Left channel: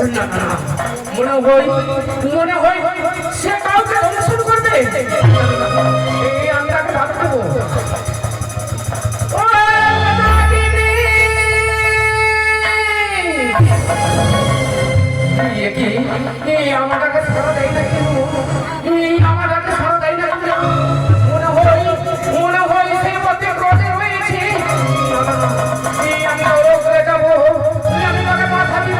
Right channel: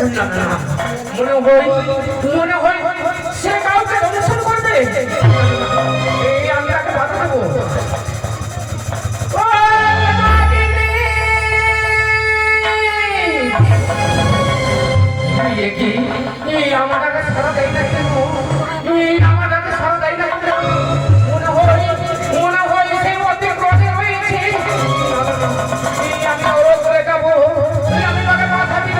না না না, মনে হয় সে কাউকে অনুসরণ করবে। এই আমি তাকে বাধা দেবো। আমাকে সারা দেয় না কেন? আমাকে সারা দেয় না কেন? মনে হয় সে অতি ক্রোধে হয়েছে। আমি ওর করে যাবো, আমি তাকে বাধা দিব।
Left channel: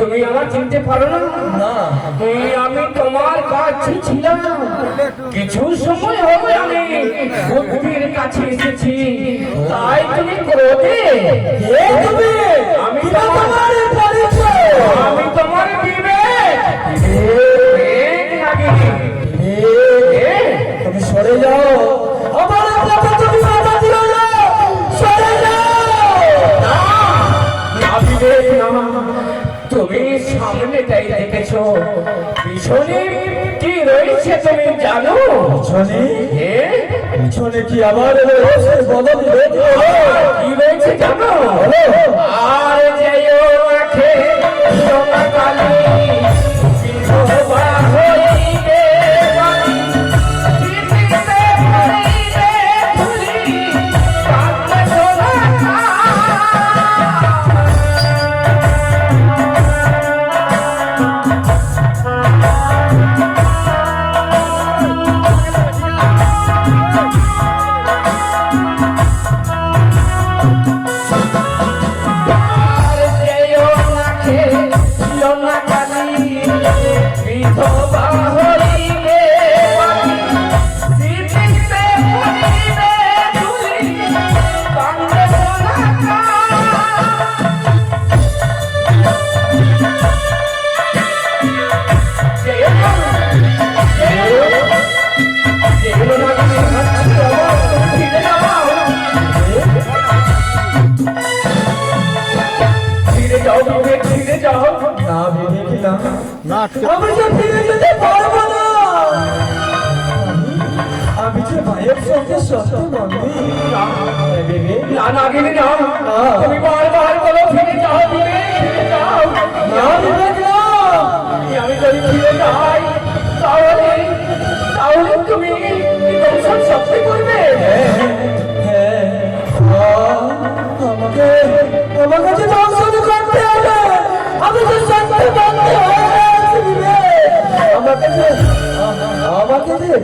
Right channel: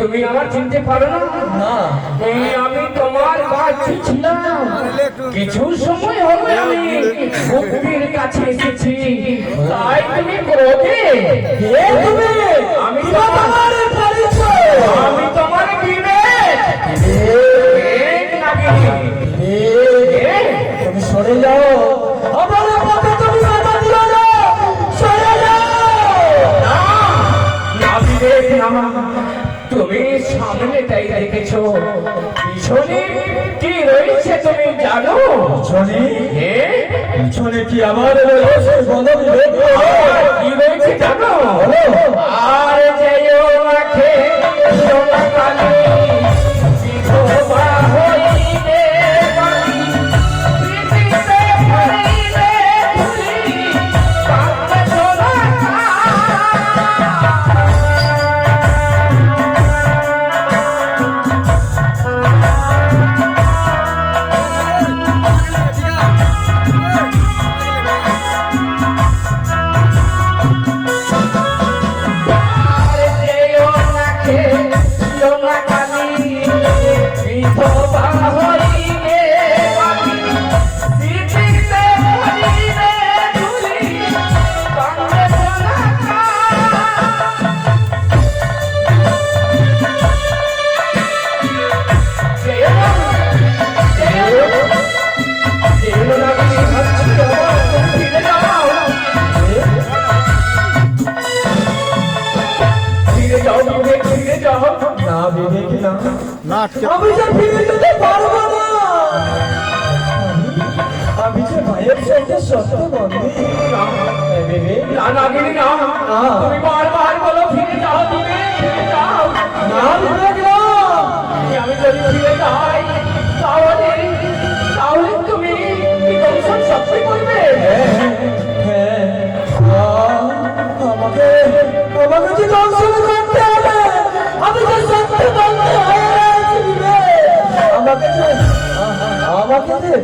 তুমি আমার চিনতে পারো না? আমি তোমার কাছে ছিলাম, কিছু সময় হবে আমি সত্যির কাছে এসেছি, তাই তুমি ক্রোধে। আমি তোমার বিবেক। তুমি সরে যাও, তুমি সামনেটাই দেখেছো, পিছনে কি রয়েছে তুমি জানো? পিছনে কি আমার রয়েছে? কি রয়েছে জানো? আর যেও রাখে আমি যে ভাইয়ের সঙ্গে সত্য বন্ধু। তুমি বারবার বলো ফিরে যাও, আমি যদি ফিরে যাই তাহলে তুমি সত্যি করবে। আমাকে যে দর্শন করতে হবে, আমাকে সত্যি বলতে হবে, আমাকে আমাকে দে।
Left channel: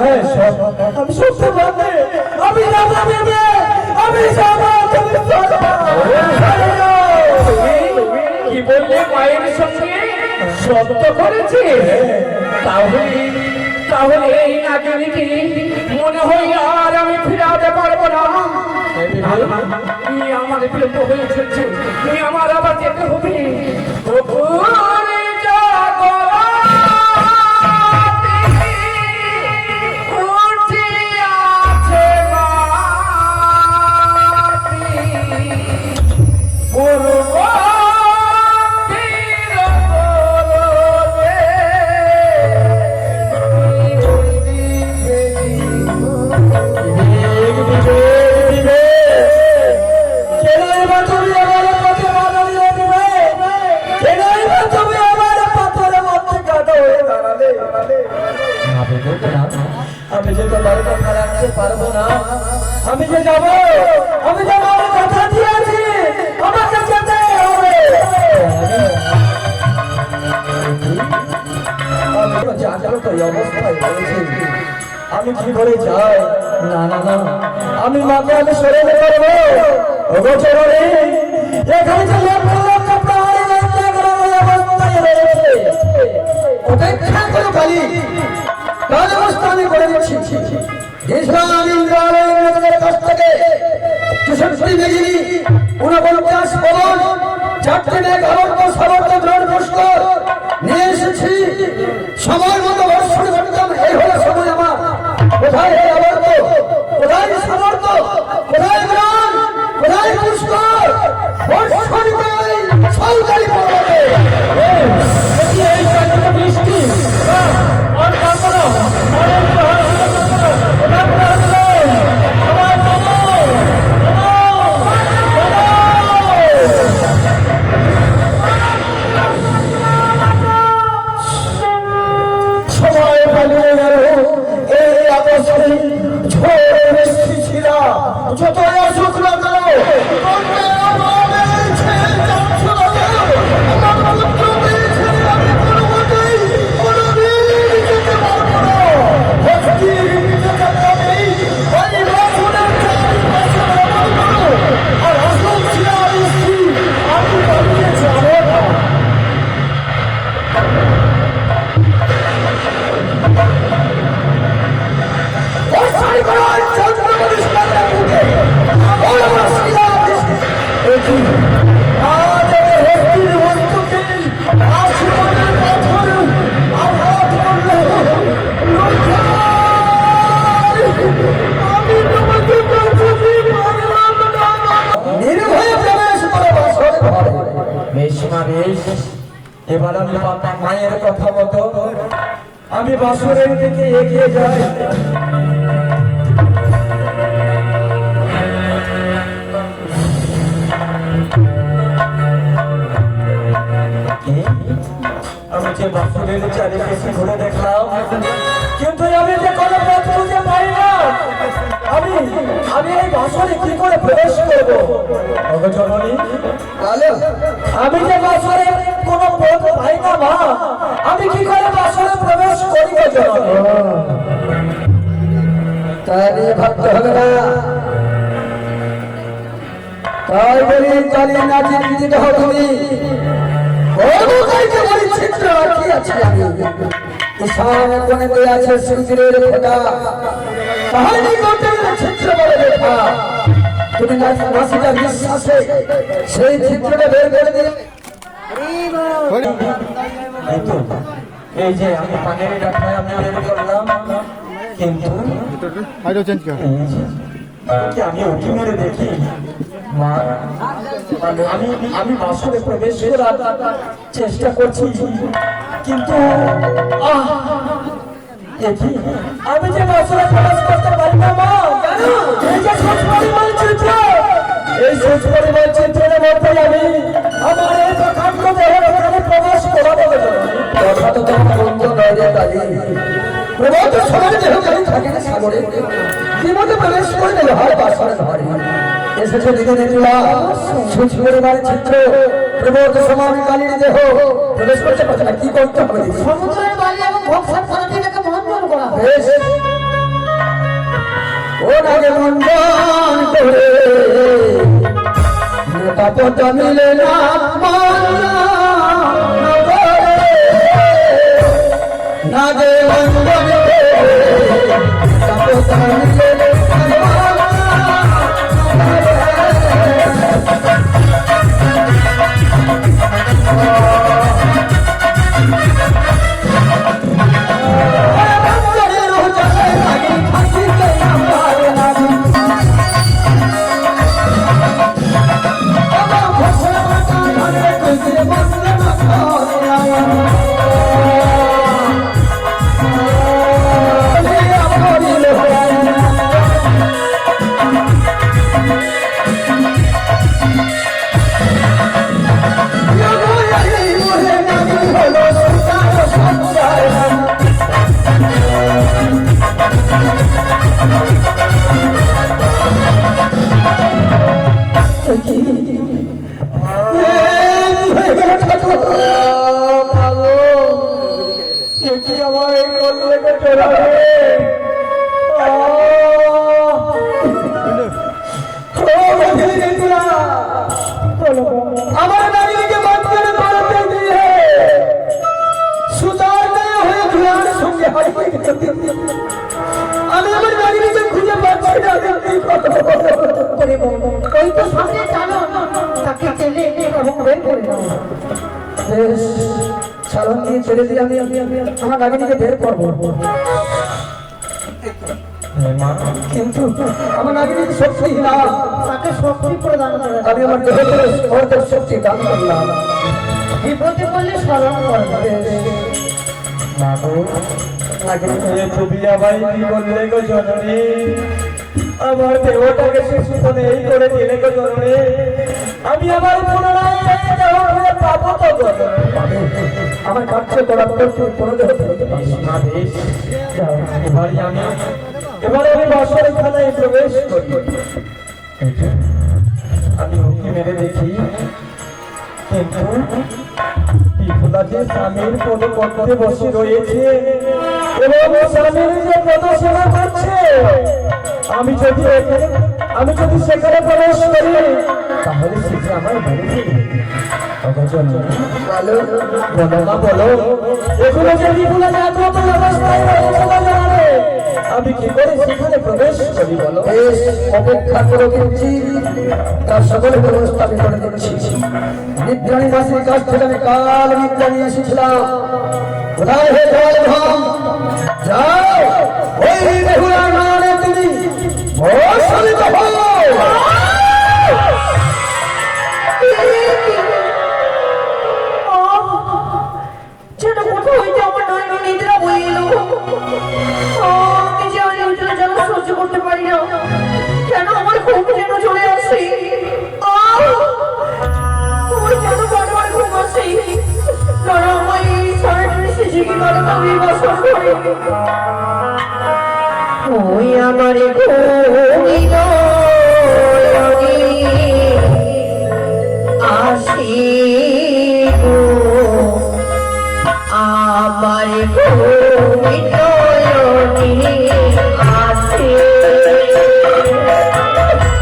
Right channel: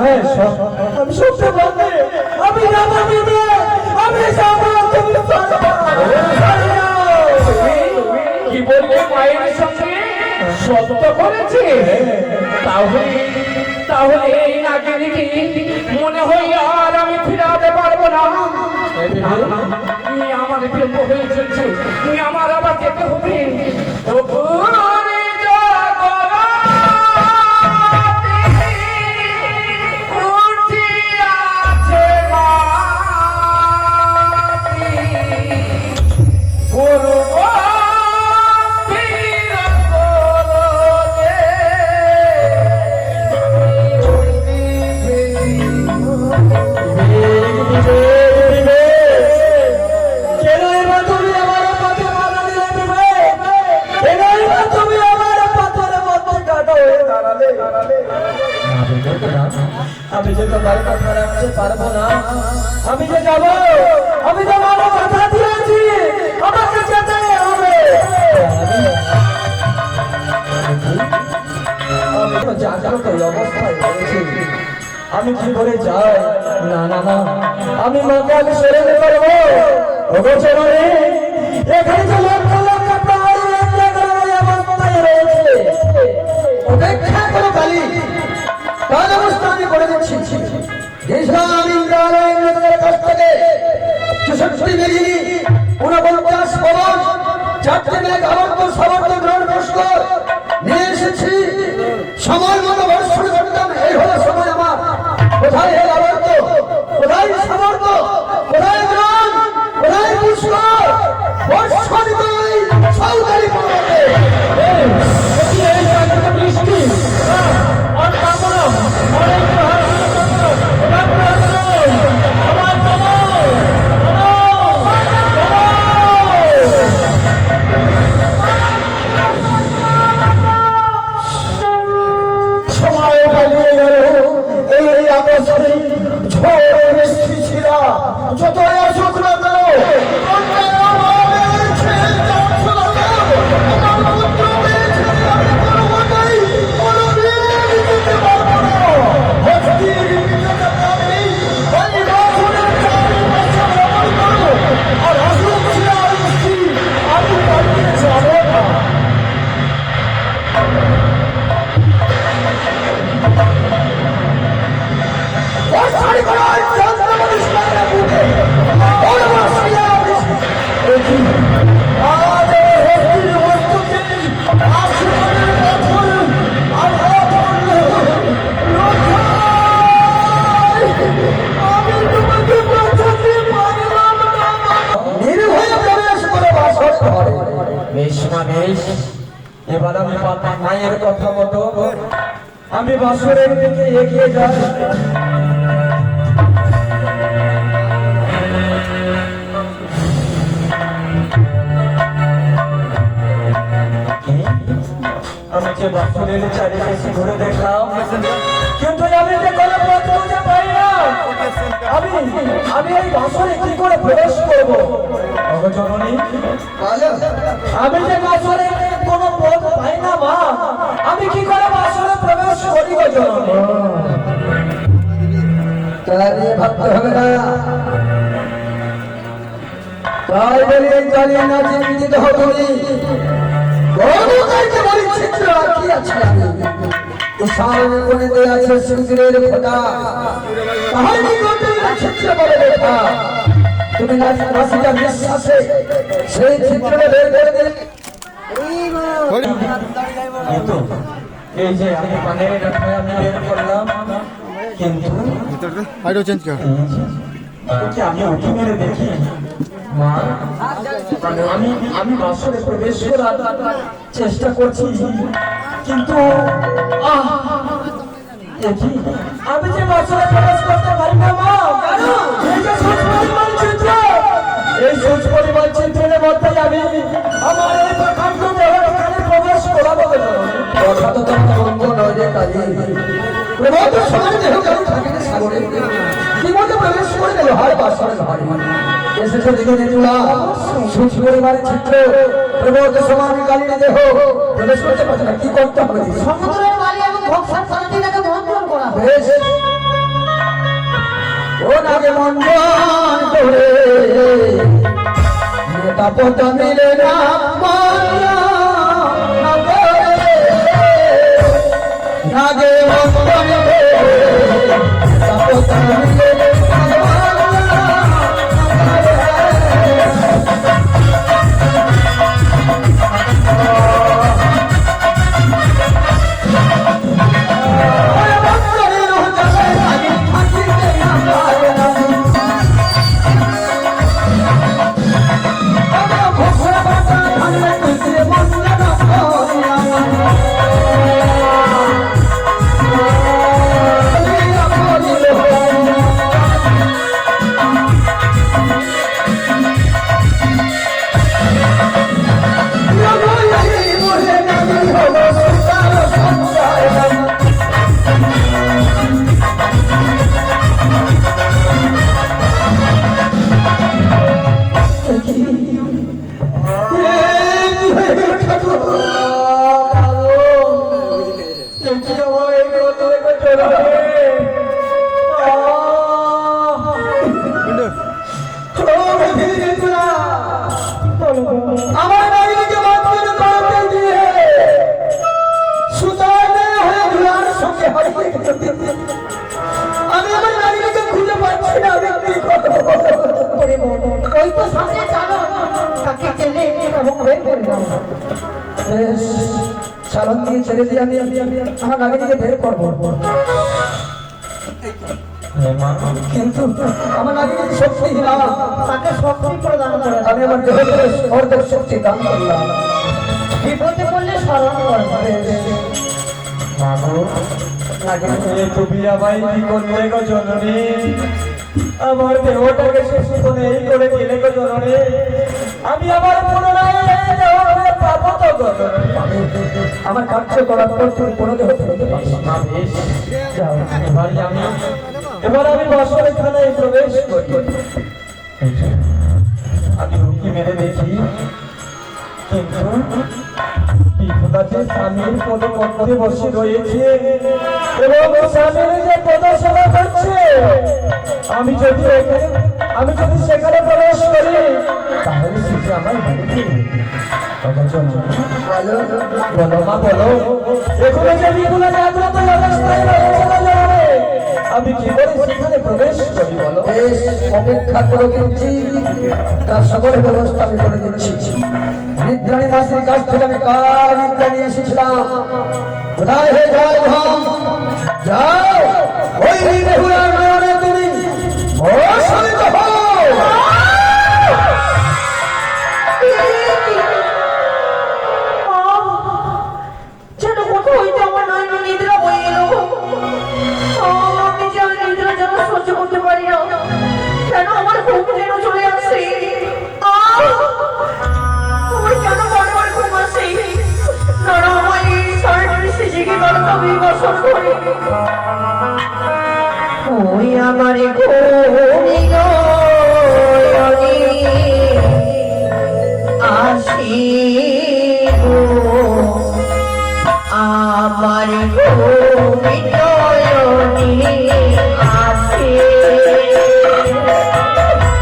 হ্যাঁ সব আমি সবটা পারবে। আমি রাজা দেবে, আমি কি বললে মায়ের সঙ্গে শব্দ করেছে? তাহলে তাহলে এই নাগিনীকে মনে হয় আর আমি ফিরাতে পারবো না। আমার প্রেম হয়েছে, আমার আবার যেতে হবে। ওরে জগন্নাথ উঠিয়াছে মাটি, পূর্বতীর কোলে আমি যে কথায় কথা রাখতে পারবো না। আমি যে যাবো, আমি তো আমার কথা দিয়েছি, আমাকে যেতে হবে। আমি তো জাগ্রত অবস্থায় রয়েছি, আমি কি করে যাই? না না না, আমি মাকে আমি সরে যেতে পারবো। ওগো চোরানি, এখানে যে লক্ষ লক্ষ প্রাণী অবস্থায় রয়েছে, অপেক্ষা করে পালি তাহলে অবস্থা আমি করে দিচ্ছি। ইসলাম ইন্দ্রালয়ের কাছ থেকে 64 মেগিনি 49 বলন 4টি মেঘাবর্ত সর্বত্র গ্রহণ পুষ্কর নিয়ে এসেছি। সময় মতো বর্ষণ করতাম, এই হলো সময় আমার। কোথায় এই আবর্ত, কোথায় সমর্থ, কোথায় গ্রহণ, কোথায় পুষ্কর? বর্ষণ করে সৌদারি পড়বে বৃষ্টি এবার আমি মায়ের কথা মতো আমি বাসুরের দিকে এগিয়ে যাই। আমি যে বাসুরের চারিপাশে ঘুরে দেখলাম, কিন্তু আমি যে কোনো পথ খুঁজে পাই না। আমি এই বাসুরে কি করে প্রবেশ করবো? জননী, আমি যে বাসুরে কোনো পথ পাই না মা, আমি কি করে বাসুরে প্রবেশ করি? তাই ভাবতে হবে না, তাই বলি তালি নাচি বিজিত হতনি চিত্র রাখি আছি আমি। সামনে কোণে দেয়া আছে সিংহের ফোঁটা, তাহলে চিত্র বলে দেখা। তুমি নাচিটা বিশ্বাসে সেই চিত্রটা বের করে দিন। এই যে আমি পানের রাখায় আমি বের করলাম, কিন্তু আমি উঠে মেরে দেখি মা, আমি বাসরে প্রবেশ করার চেষ্টা করছি, কিন্তু আমি যে বাসরে প্রবেশ করতে পারি না মা। এই সুচ পরিমাণ চিত্রের মধ্যে আমি আমার এই প্রকাণ্ড দেহের এখানে প্রবেশ করাবো। কথা তো তোমার বন্ধ নয় রে তাই প্রবাদের সময় দেহ কেন থাকে না সাগরে? বিমতে প্রবেশ করে দিল হয় বাসরে ঘরে এসেছে দিকে দেখলাম সুচ পরিমাণ চিত্র প্রবোধ সমান কালীর দেহ প্রবেশ করতে পারছে না। কি করতে হবে? সমুদ্রের বালি এবং ভক্সার পদ্ধতিটাকে মন্থন করা। নাগে মন্ডন করে নেতা পতা মিলে না নাগে মন্ডন করে নেতা পতা মিলে আমার নাগরিকে মাঝখানে পাল্টে দিয়ে সুতারটা হয়ে ধুলার সঙ্গে হারিয়ে গেছে। আমি আমার নাগরিকে খুঁজে পাচ্ছি না। ওই তো সামনে চালো তাকে টেনে এবং বের করে দাও। বেশ, চালন দিয়ে ছেড়ে দিয়ে আমি আমার নাগরিকে বের করবো। কিন্তু আমার নাগরিক শক্তি না, তাকে শক্তি প্রদান করে দাও। আমি আমার দেহে অর্ধেক শক্তি দান করলাম। বিপদে পড়লে স্মরণ করবে। আমার দেহটাকে শেষ করে এই করে দিলে গো জননী, আমি আমার পুনরায় পাবো তো গো জননী। আমার কার্য করার পর তুমি কোনো দেহ ফেলতে পারছো না। এবার আমি বাসরের খানায় প্রবেশ করি। আমি উঁকি মেরে দেখি, কিন্তু বিপুলাতে স্বামীর পদপদ্মে বসে রয়েছে এবং স্বামীর যে পদসেবা করছে। আমি যদি সেখানে প্রবেশ করি তাহলে সেটা আমার মেরে ফেলবে। বলো মা, বলো এগুলো যে বিপুলাতে আজকে অবস্থায় রয়েছে, আমি কি করে সেখানে প্রবেশ করি বলো? অপেক্ষা করে দিচ্ছি, তার সকল ব্যবস্থা আমি করে দিচ্ছি। নিদ্রাণী মাসির কাছ থেকে আমি কাল নিদ্রা নিয়ে এসেছিলাম। কোথায় হে জয়ধাম? যাও, ওই বেহুলার নামে তুমি ভস্মিত হও। যেন কোথাও হইতে আমার নয়ন নিদ্রা বয়ে এলো। আমি যে আর নিদ্রা যেন সহ্য করতে পারি না, কেন আমার ঘুম যেন চলে আসে। আমার কেন বারবার ঘুম আসে? কারণ আমার এই সারাটি জেগে গেল আমি বসন করে। ওই আমার আসি আমার ঘুমে